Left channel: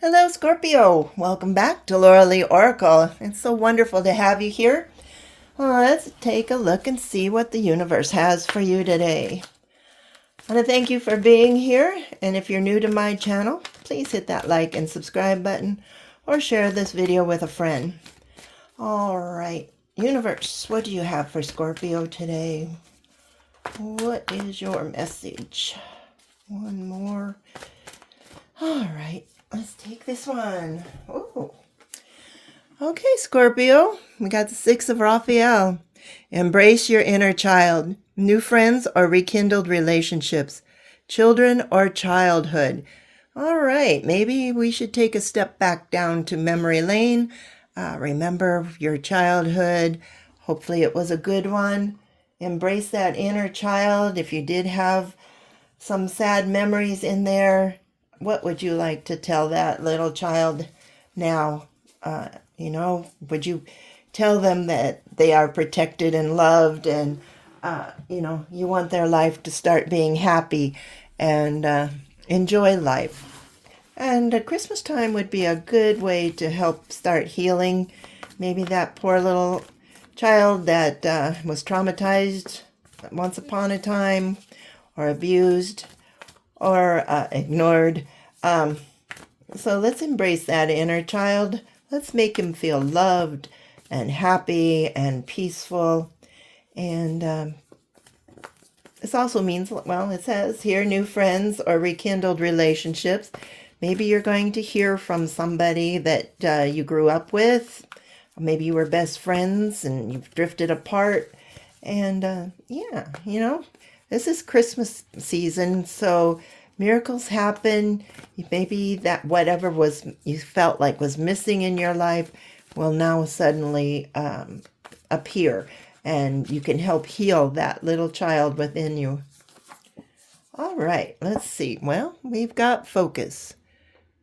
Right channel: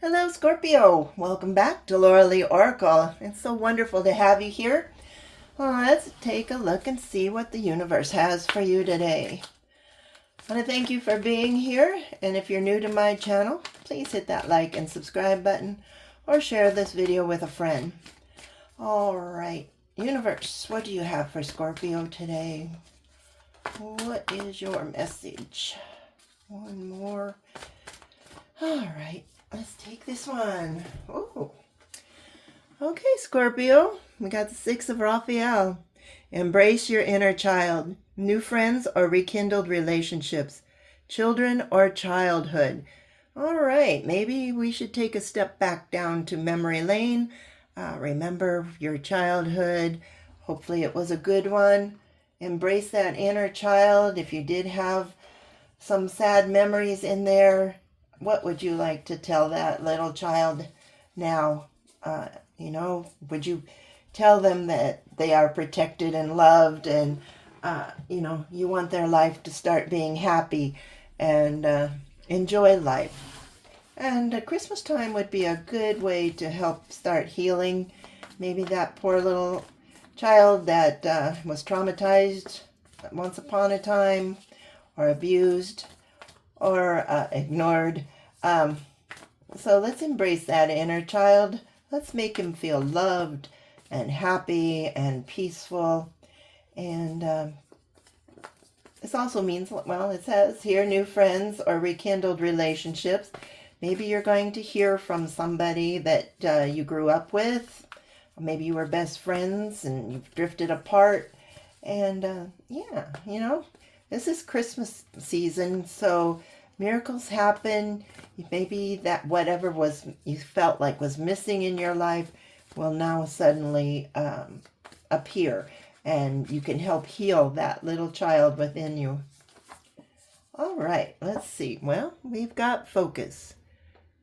Hello, Scorpio. Welcome back to Laura Lee Oracle. It's so wonderful to have you here. Well, let's take a look and see what the universe has for you today. I want to thank you for being here. And if you're new to my channel, please hit that like and subscribe button or share this video with a friend. All right, universe, what do you have for Scorpio today? What is your message? One more. All right. Let's take this one. Ooh. Okay, Scorpio. We got the Six of Raphael. Embrace your inner child. New friends or rekindled relationships. Children or childhood. All right, maybe we should take a step back down to memory lane. Remember your childhood. Hopefully it was a good one. Embrace that inner child. If you did have some sad memories in there, what would you like to tell that little child now? Would you tell them that they are protected and loved and, you want their life to start being happy and enjoy life? And Christmas time would be a good way to help start healing. Maybe that poor little child that was traumatized once upon a time or abused or ignored. So let's embrace that inner child. Let's make him feel loved and happy and peaceful. And this also means, well, it says here, new friends or rekindled relationships. Maybe you're going to hear from somebody that you grew up with. Maybe you were best friends and you've drifted apart. And this is Christmas season, so miracles happen. Maybe that whatever was you felt like was missing in your life will now suddenly appear, and you can help heal that little child within you. All right, let's see. Well, we've got focus.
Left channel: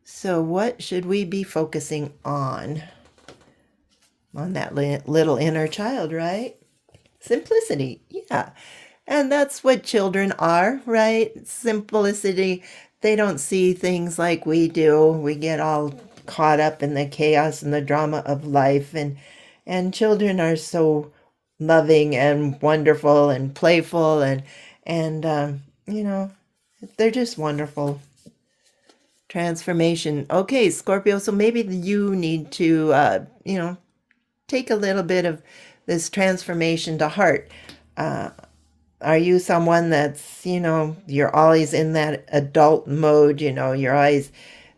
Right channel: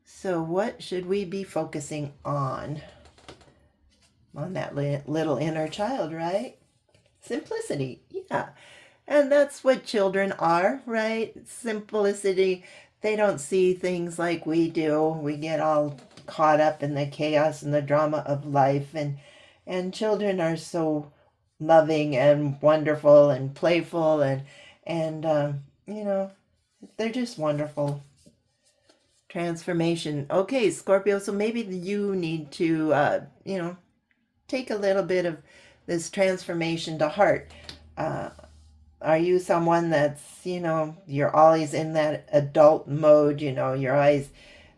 So what should we be focusing on? On that little inner child, right? Simplicity, yeah. And that's what children are, right? Simplicity. They don't see things like we do. We get all caught up in the chaos and the drama of life. And children are so loving and wonderful and playful and they're just wonderful. Transformation. Okay, Scorpio, so maybe you need to, take a little bit of this transformation to heart. Are you someone that's, you're always in that adult mode, you're always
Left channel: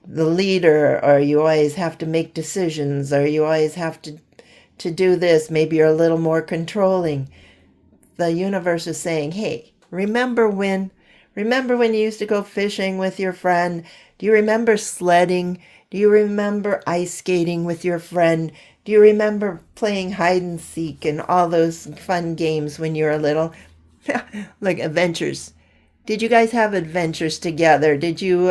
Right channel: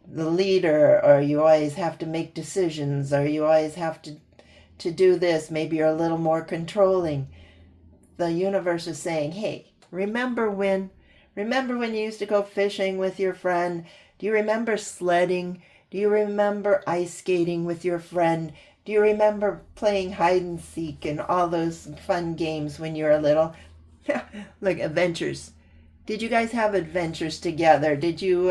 the leader, or you always have to make decisions, or you always have to do this? Maybe you're a little more controlling. The universe is saying, hey, remember when you used to go fishing with your friend? Do you remember sledding? Do you remember ice skating with your friend? Do you remember playing hide and seek and all those fun games when you were little? Like adventures. Did you guys have adventures together? Did you,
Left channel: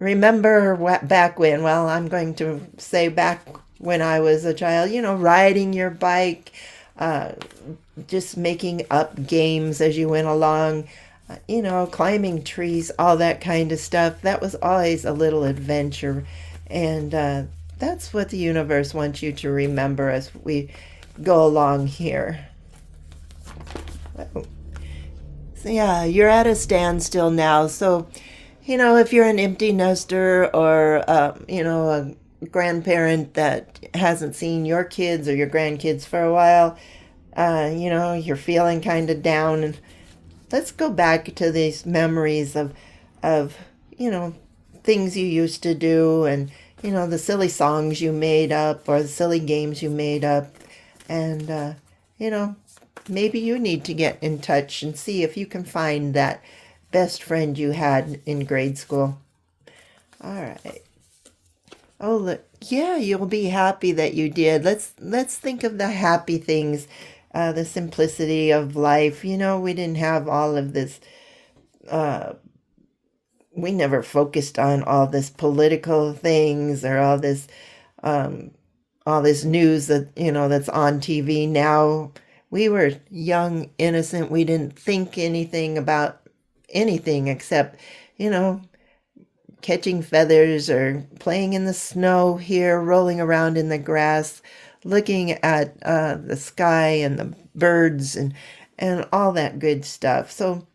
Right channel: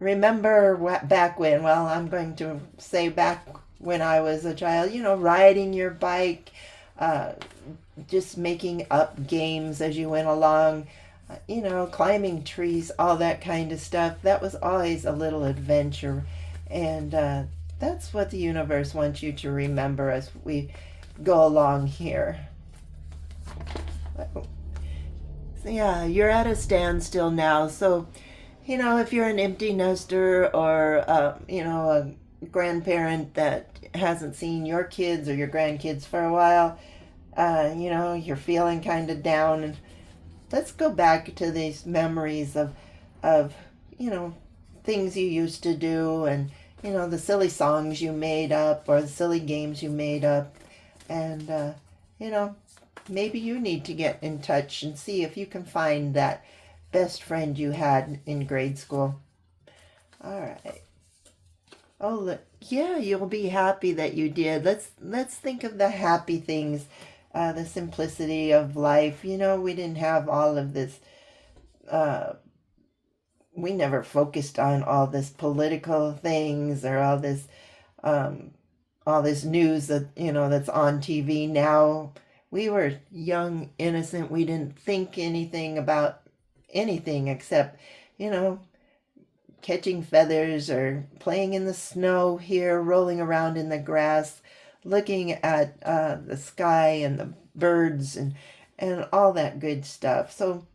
remember back when? Well, I'm going to say back when I was a child, riding your bike, just making up games as you went along, climbing trees, all that kind of stuff. That was always a little adventure. And that's what the universe wants you to remember as we go along here. So yeah, you're at a standstill now. So, if you're an empty nester or, a grandparent that hasn't seen your kids or your grandkids for a while, you're feeling kind of down. And let's go back to these memories of, things you used to do and, the silly songs you made up or the silly games you made up. And, maybe you need to get in touch and see if you can find that best friend you had in grade school. All right. Oh, look. Yeah, you'll be happy that you did. Let's think of the happy things, the simplicity of life. We didn't have all of this. We never focused on all this political things or all this news that that's on TV now. We were young, innocent. We didn't think anything about anything except, catching feathers or playing in the snow here, rolling around in the grass, looking at the sky and the birds and all that good stuff. So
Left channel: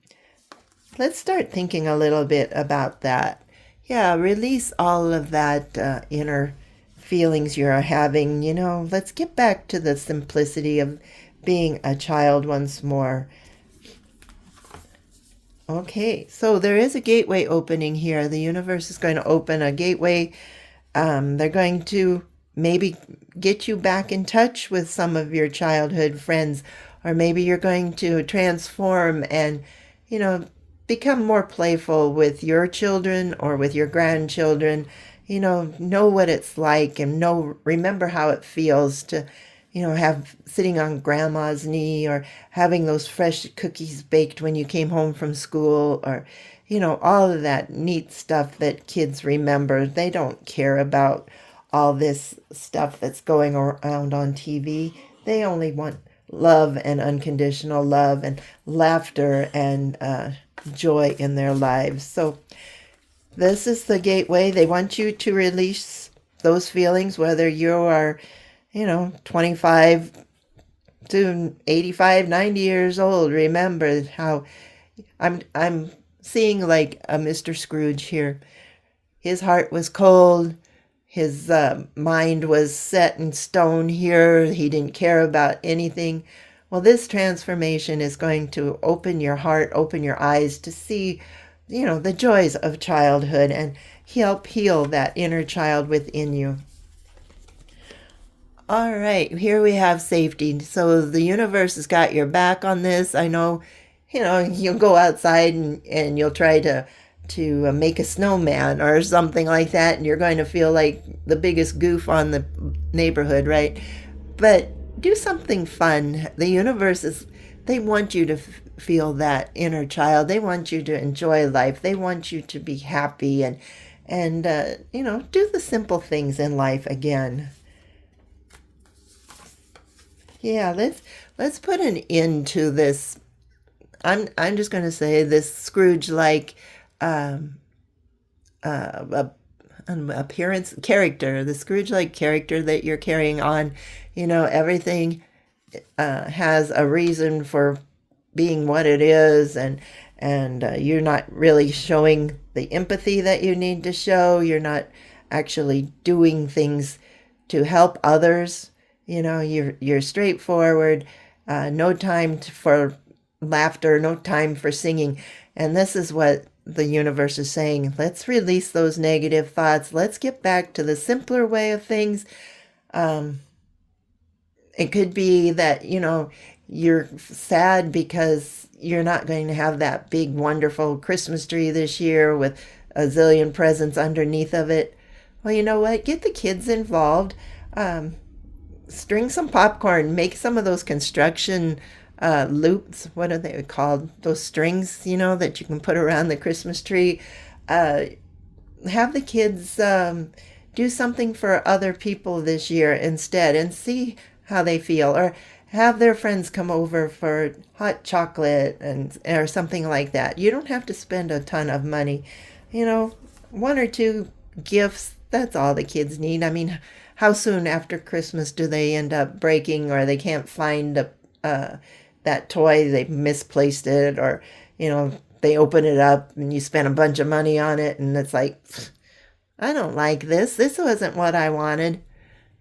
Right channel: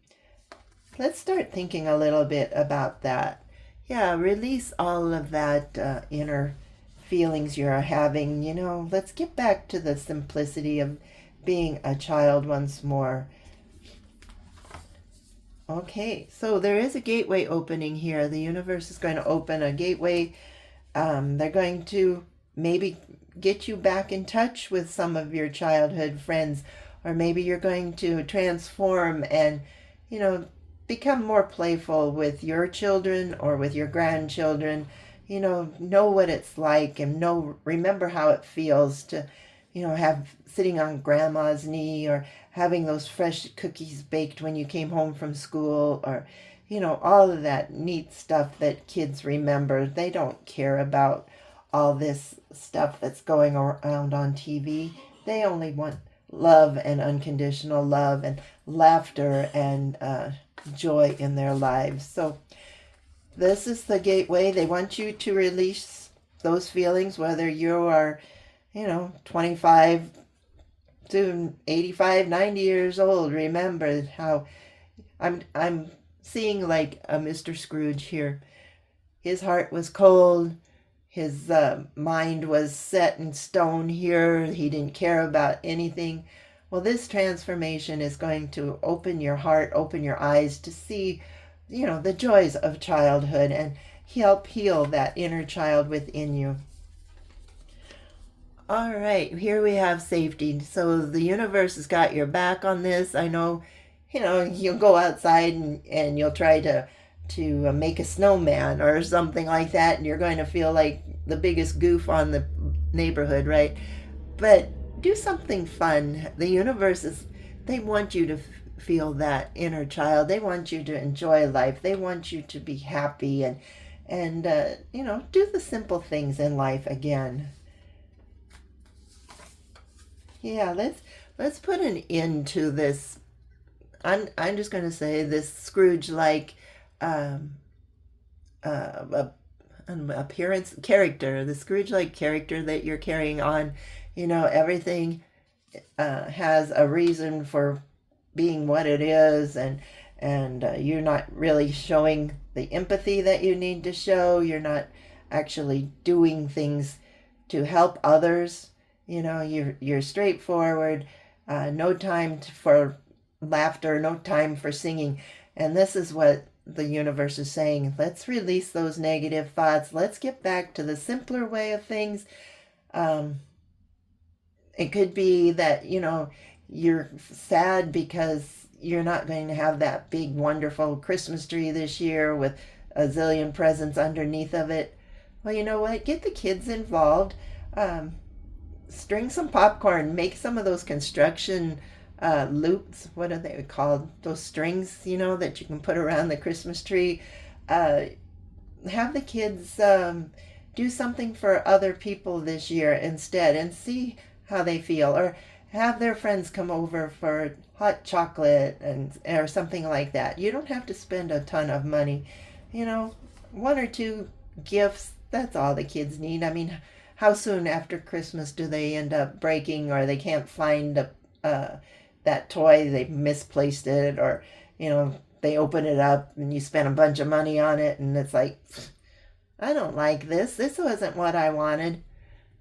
let's start thinking a little bit about that. Yeah, release all of that inner feelings you're having. Let's get back to the simplicity of being a child once more. Okay, so there is a gateway opening here. The universe is going to open a gateway. They're going to maybe get you back in touch with some of your childhood friends, or maybe you're going to transform and, become more playful with your children or with your grandchildren. Know what it's like and remember how it feels to, have sitting on grandma's knee or having those fresh cookies baked when you came home from school, or, all of that neat stuff that kids remember. They don't care about all this stuff that's going around on TV. They only want love and unconditional love and laughter and joy in their lives. So this is the gateway. They want you to release those feelings, whether you are 25 to 85, 90 years old. Remember how I'm seeing like a Mr. Scrooge here. His heart was cold. His mind was set in stone here. He didn't care about anything. Well, this transformation is going to open your heart, open your eyes to see, the joys of childhood and help heal that inner child within you. All right, here we have safety. So the universe has got your back on this. I know, you'll go outside and you'll try to make a snowman or something like that, and you're going to feel like the biggest goof on the neighborhood, right? But do something fun. The universe they want you to feel that inner child. They want you to enjoy life. They want you to be happy and do the simple things in life again. Yeah, let's put an end to this. I'm just going to say this Scrooge-like appearance character, the Scrooge-like character that you're carrying on. Everything has a reason for being what it is, and you're not really showing the empathy that you need to show. You're not actually doing things to help others. You're straightforward. No time for laughter, no time for singing. And this is what the universe is saying. Let's release those negative thoughts. Let's get back to the simpler way of things. It could be that, you're sad because you're not going to have that big, wonderful Christmas tree this year with a zillion presents underneath of it. Well, you know what? Get the kids involved. String some popcorn. Make some of those construction loops. What are they called? Those strings, that you can put around the Christmas tree. Have the kids do something for other people this year instead and see how they feel. Or have their friends come over for hot chocolate or something like that. You don't have to spend a ton of money. One or two gifts, that's all the kids need. I mean, how soon after Christmas do they end up breaking, or they can't find that toy, they misplaced it, or they open it up and you spend a bunch of money on it and it's like, I don't like this wasn't what I wanted.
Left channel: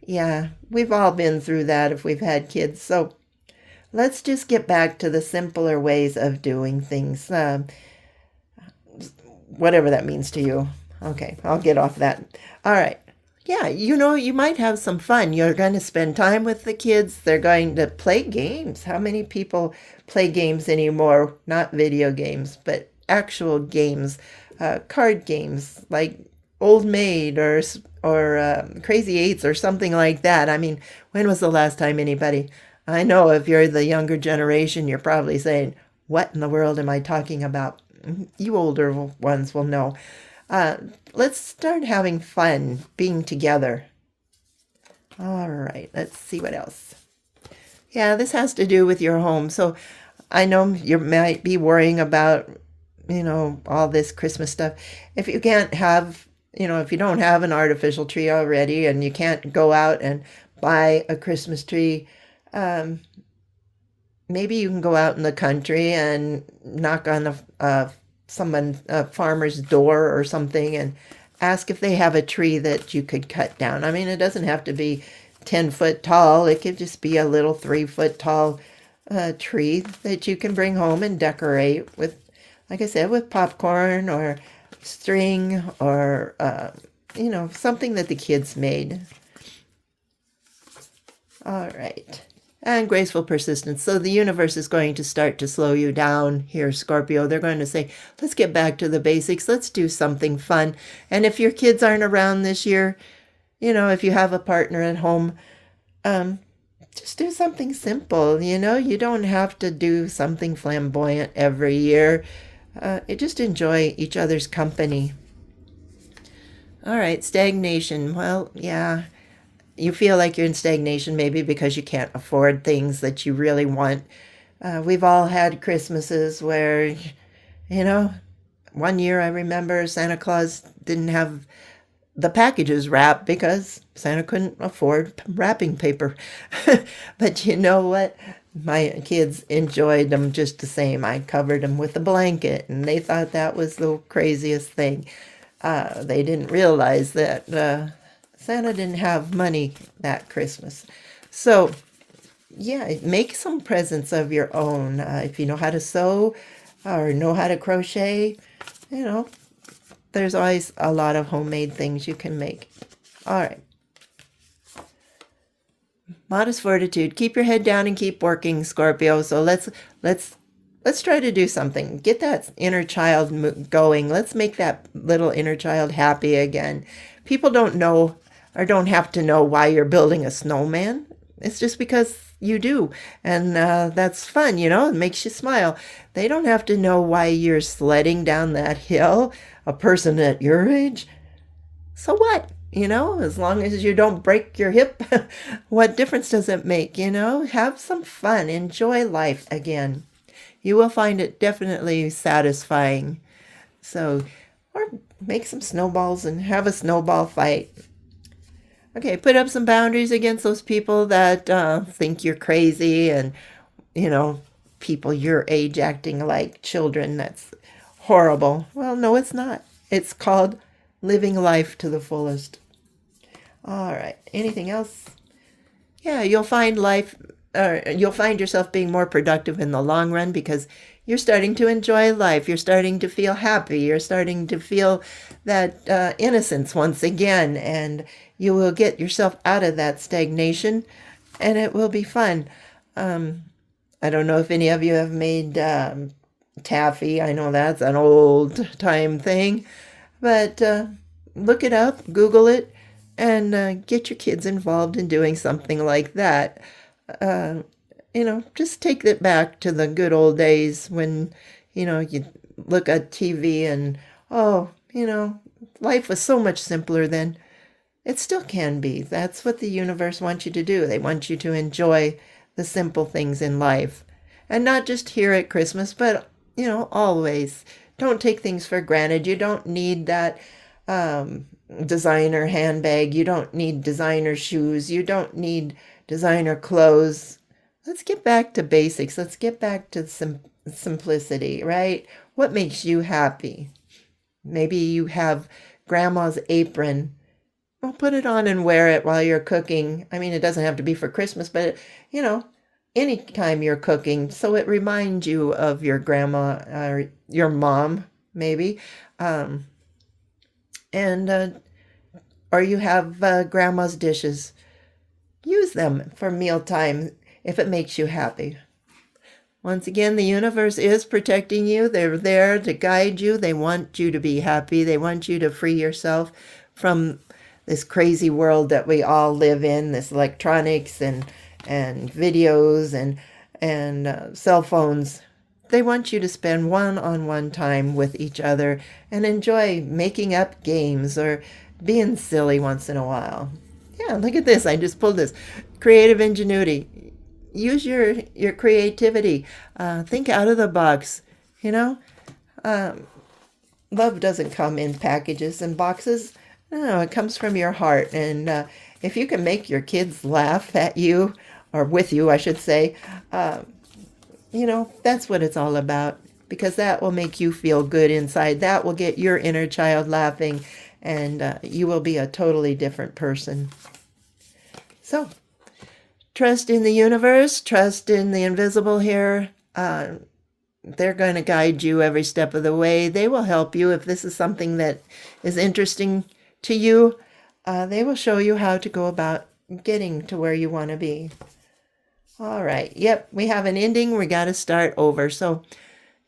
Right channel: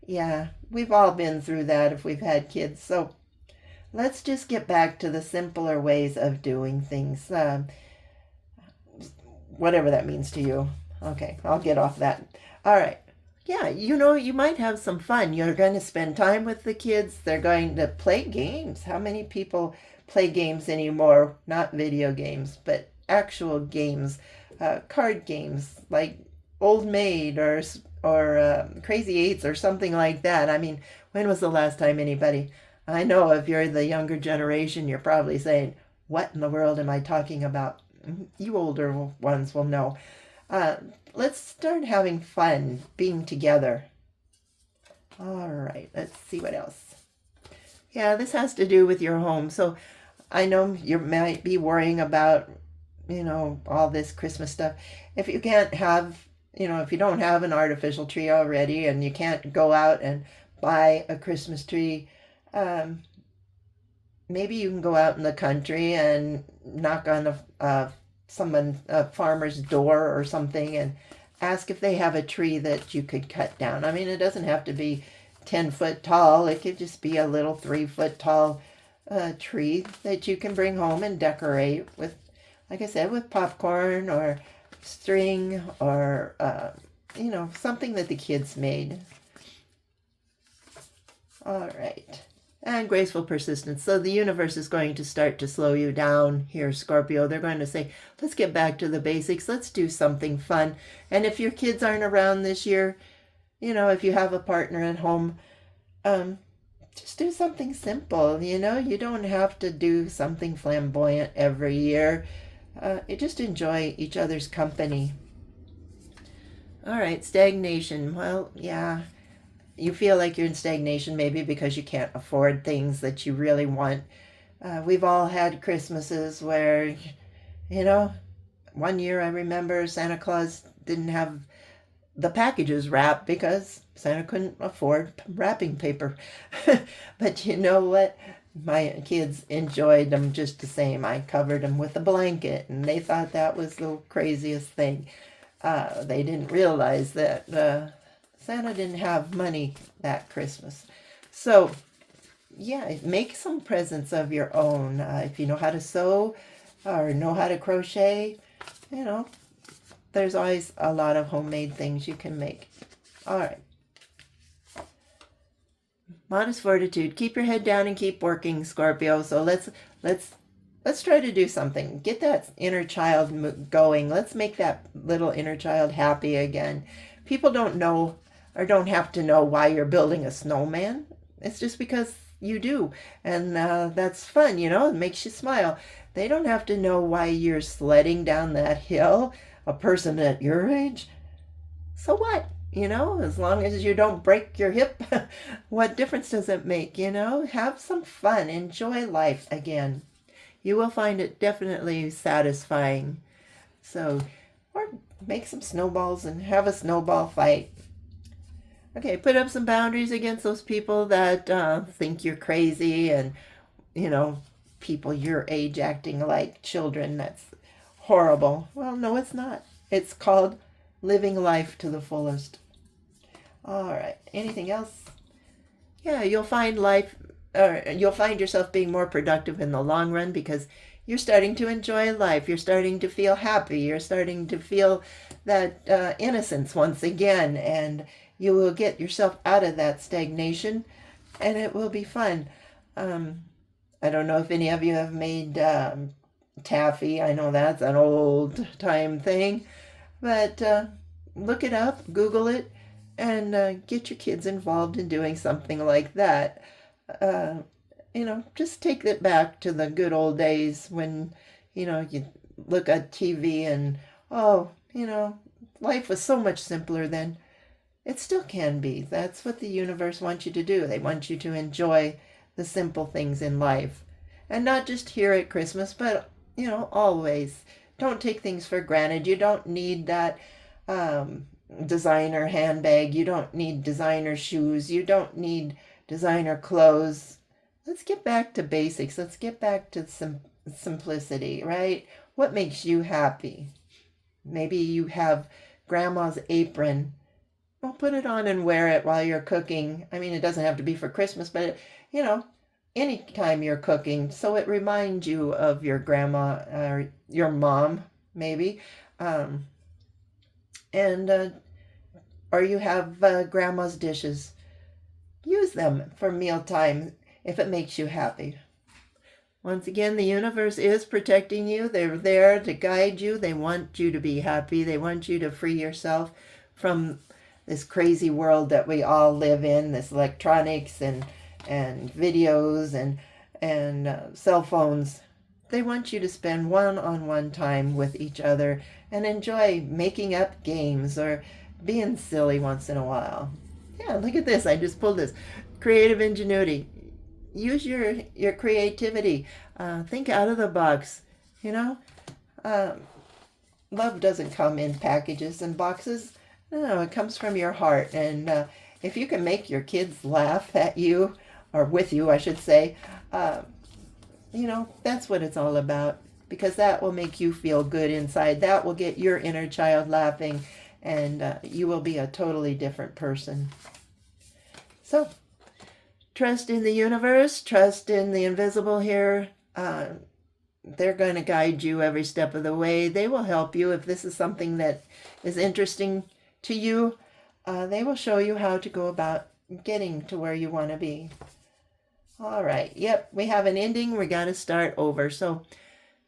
Yeah, we've all been through that if we've had kids. So let's just get back to the simpler ways of doing things, whatever that means to you. Okay, I'll get off that. All right. Yeah, you might have some fun. You're going to spend time with the kids. They're going to play games. How many people play games anymore? Not video games, but actual games, card games like Old Maid or Crazy Eights or something like that. I mean, when was the last time anybody? I know if you're the younger generation, you're probably saying, what in the world am I talking about? You older ones will know. Let's start having fun being together. All right, let's see what else. Yeah, this has to do with your home. So I know you might be worrying about, all this Christmas stuff. If you can't have, if you don't have an artificial tree already and you can't go out and buy a Christmas tree, um, maybe you can go out in the country and knock on a farmer's door or something and ask if they have a tree that you could cut down. I mean, it doesn't have to be 10 foot tall. It could just be a little 3 foot tall tree that you can bring home and decorate with, like I said, with popcorn or string or, something that the kids made. All right. And graceful persistence. So the universe is going to start to slow you down here, Scorpio. They're going to say, let's get back to the basics. Let's do something fun. And if your kids aren't around this year, if you have a partner at home, just do something simple. You don't have to do something flamboyant every year. You just enjoy each other's company. All right, stagnation. Well, yeah. You feel like you're in stagnation maybe because you can't afford things that you really want. We've all had Christmases where, one year I remember Santa Claus didn't have the packages wrapped because Santa couldn't afford wrapping paper. But you know what? My kids enjoyed them just the same. I covered them with a blanket and they thought that was the craziest thing. They didn't realize that Santa didn't have money that Christmas. So, yeah, make some presents of your own. If you know how to sew or know how to crochet, there's always a lot of homemade things you can make. All right. Modest fortitude. Keep your head down and keep working, Scorpio. So let's try to do something. Get that inner child going. Let's make that little inner child happy again. People don't know or don't have to know why you're building a snowman. It's just because you do. And that's fun, it makes you smile. They don't have to know why you're sledding down that hill, a person at your age. So what? As long as you don't break your hip, what difference does it make? Have some fun. Enjoy life again. You will find it definitely satisfying. So, or make some snowballs and have a snowball fight. Okay, put up some boundaries against those people that think you're crazy and, people your age acting like children. That's horrible. Well, no, it's not. It's called living life to the fullest. All right. Anything else? Yeah, you'll find yourself being more productive in the long run because you're starting to enjoy life. You're starting to feel happy. You're starting to feel that innocence once again, and you will get yourself out of that stagnation, and it will be fun. I don't know if any of you have made taffy. I know that's an old time thing, but look it up, Google it, and get your kids involved in doing something like that. Just take it back to the good old days when, you look at TV and, life was so much simpler then. It still can be. That's what the universe wants you to do. They want you to enjoy the simple things in life. And not just here at Christmas, but, always. Don't take things for granted. You don't need that designer handbag. You don't need designer shoes. You don't need designer clothes. Let's get back to basics. Let's get back to simplicity, right? What makes you happy? Maybe you have grandma's apron. Well, put it on and wear it while you're cooking. I mean, it doesn't have to be for Christmas, but, anytime you're cooking. So it reminds you of your grandma or your mom, maybe. Or you have grandma's dishes. Use them for mealtime if it makes you happy. Once again, the universe is protecting you. They're there to guide you. They want you to be happy. They want you to free yourself from this crazy world that we all live in, this electronics and videos and cell phones. They want you to spend one-on-one time with each other and enjoy making up games or being silly once in a while. Yeah, look at this. I just pulled this. Creative ingenuity. Use your creativity. Think out of the box. Love doesn't come in packages and boxes. No, it comes from your heart. And if you can make your kids laugh at you, or with you, I should say, that's what it's all about. Because that will make you feel good inside. That will get your inner child laughing, and you will be a totally different person. So, trust in the universe, trust in the invisible here. They're going to guide you every step of the way. They will help you if this is something that is interesting to you. They will show you how to go about getting to where you want to be. All right. Yep, we have an ending. We got to start over. So,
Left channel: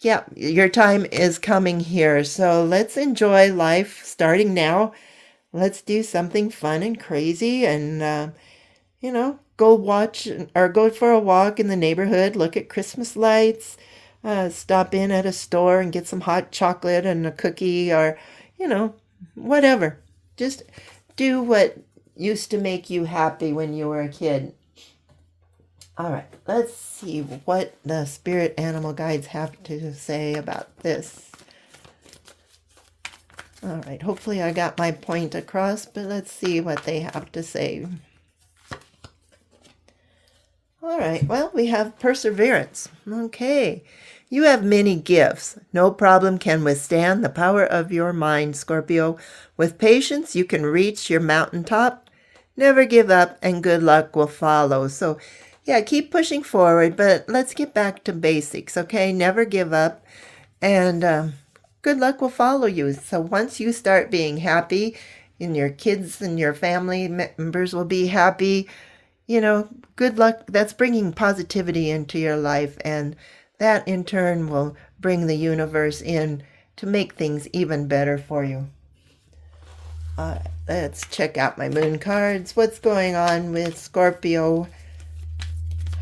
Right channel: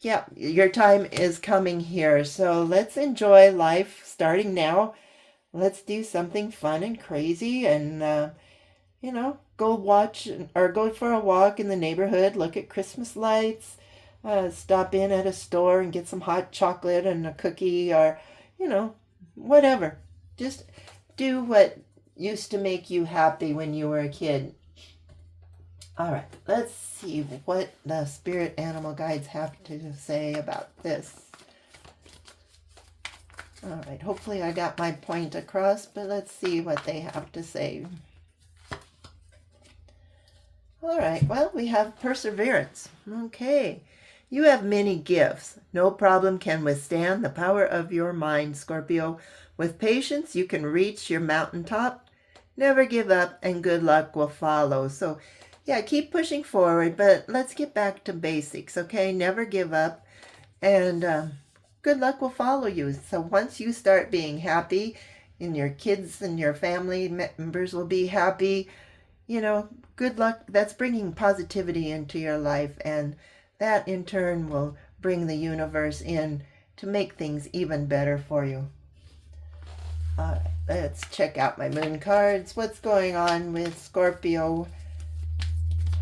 yeah, your time is coming here. So let's enjoy life starting now. Let's do something fun and crazy and, go watch or go for a walk in the neighborhood, look at Christmas lights, stop in at a store and get some hot chocolate and a cookie or, whatever. Just do what used to make you happy when you were a kid. All right, let's see what the spirit animal guides have to say about this. All right, hopefully I got my point across, but let's see what they have to say. All right, well, we have perseverance. Okay, you have many gifts. No problem can withstand the power of your mind, Scorpio. With patience, you can reach your mountaintop. Never give up, and good luck will follow. So, yeah, keep pushing forward, but let's get back to basics, okay? Never give up, and good luck will follow you. So once you start being happy, and your kids and your family members will be happy, good luck. That's bringing positivity into your life, and that in turn will bring the universe in to make things even better for you. Let's check out my moon cards. What's going on with Scorpio?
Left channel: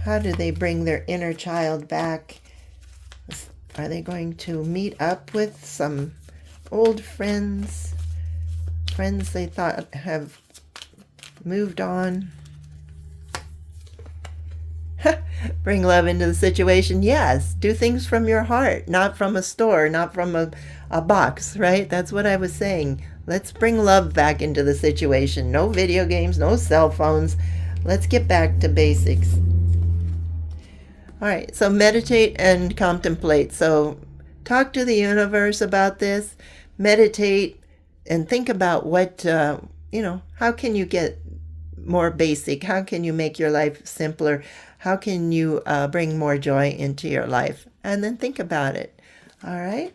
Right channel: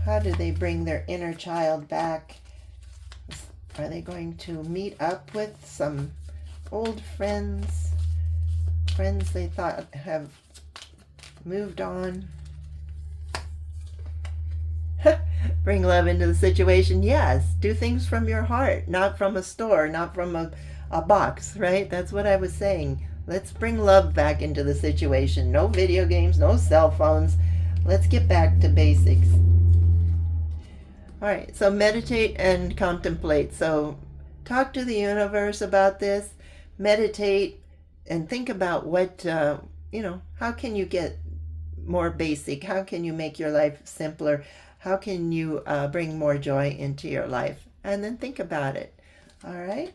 How do they bring their inner child back? Are they going to meet up with some old friends? Friends they thought have moved on? Bring love into the situation. Yes, do things from your heart, not from a store, not from a box, right? That's what I was saying. Let's bring love back into the situation. No video games, no cell phones. Let's get back to basics. All right, so meditate and contemplate. So talk to the universe about this. Meditate and think about what, how can you get more basic? How can you make your life simpler? How can you bring more joy into your life? And then think about it. All right?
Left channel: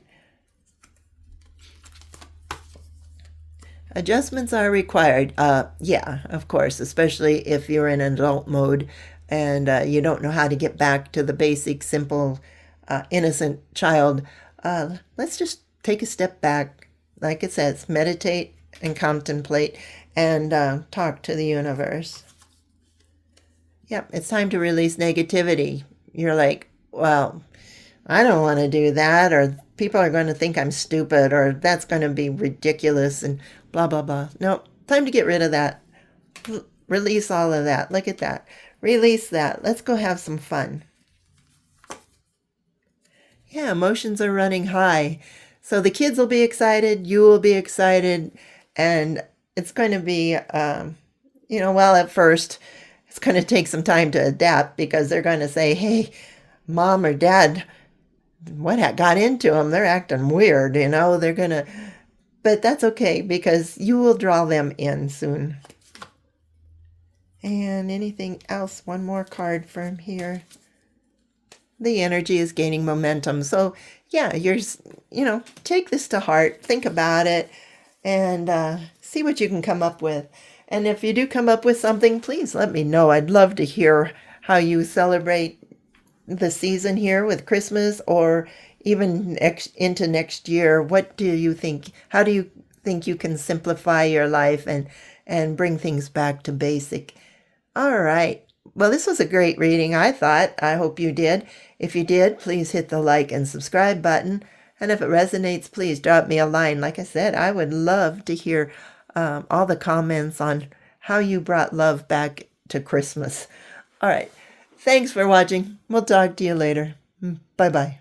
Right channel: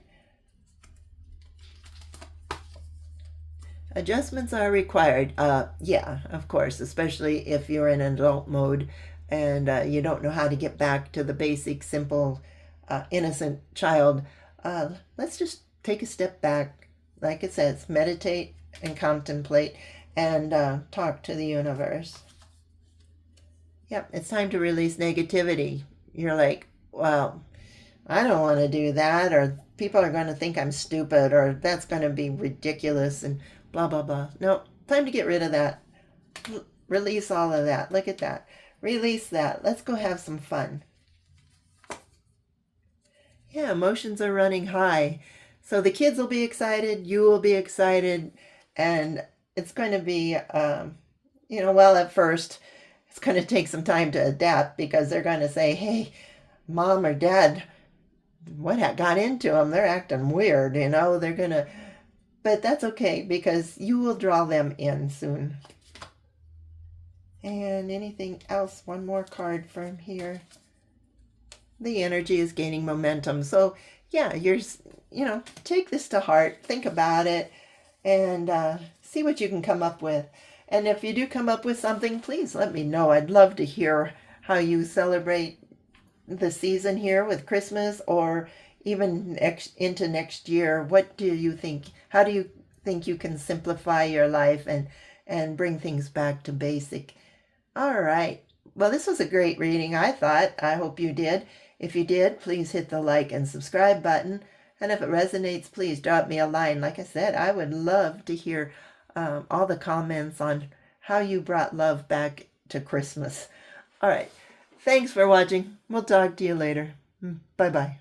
Adjustments are required. Yeah, of course, especially if you're in adult mode and you don't know how to get back to the basic, simple, innocent child. Let's just take a step back. Like it says, meditate and contemplate and talk to the universe. Yep, it's time to release negativity. You're like, well, I don't want to do that, or people are going to think I'm stupid, or that's going to be ridiculous, and blah, blah, blah. No, time to get rid of that. Release all of that. Look at that. Release that. Let's go have some fun. Yeah, emotions are running high. So the kids will be excited, you will be excited, and it's going to be, well, at first, it's going to take some time to adapt because they're going to say, hey, mom or dad, what got into them? They're acting weird, they're going to, but that's okay because you will draw them in soon. And anything else? One more card from here. The energy is gaining momentum. So yeah, take this to heart, think about it, and see what you can come up with. And if you do come up with something, please let me know. I'd love to hear how you celebrate the season here with Christmas or even into next year. What do you think? How do you think you can simplify your life and bring things back to basic? All right. Well, this was a great reading, I thought. I hope you did. If you did, please hit the like and subscribe button. And if it resonates, please drop me a line. Like I said, I would love to hear all the comments on how you brought love back to Christmas. All right. Thanks for watching. We'll talk to you later. Bye-bye.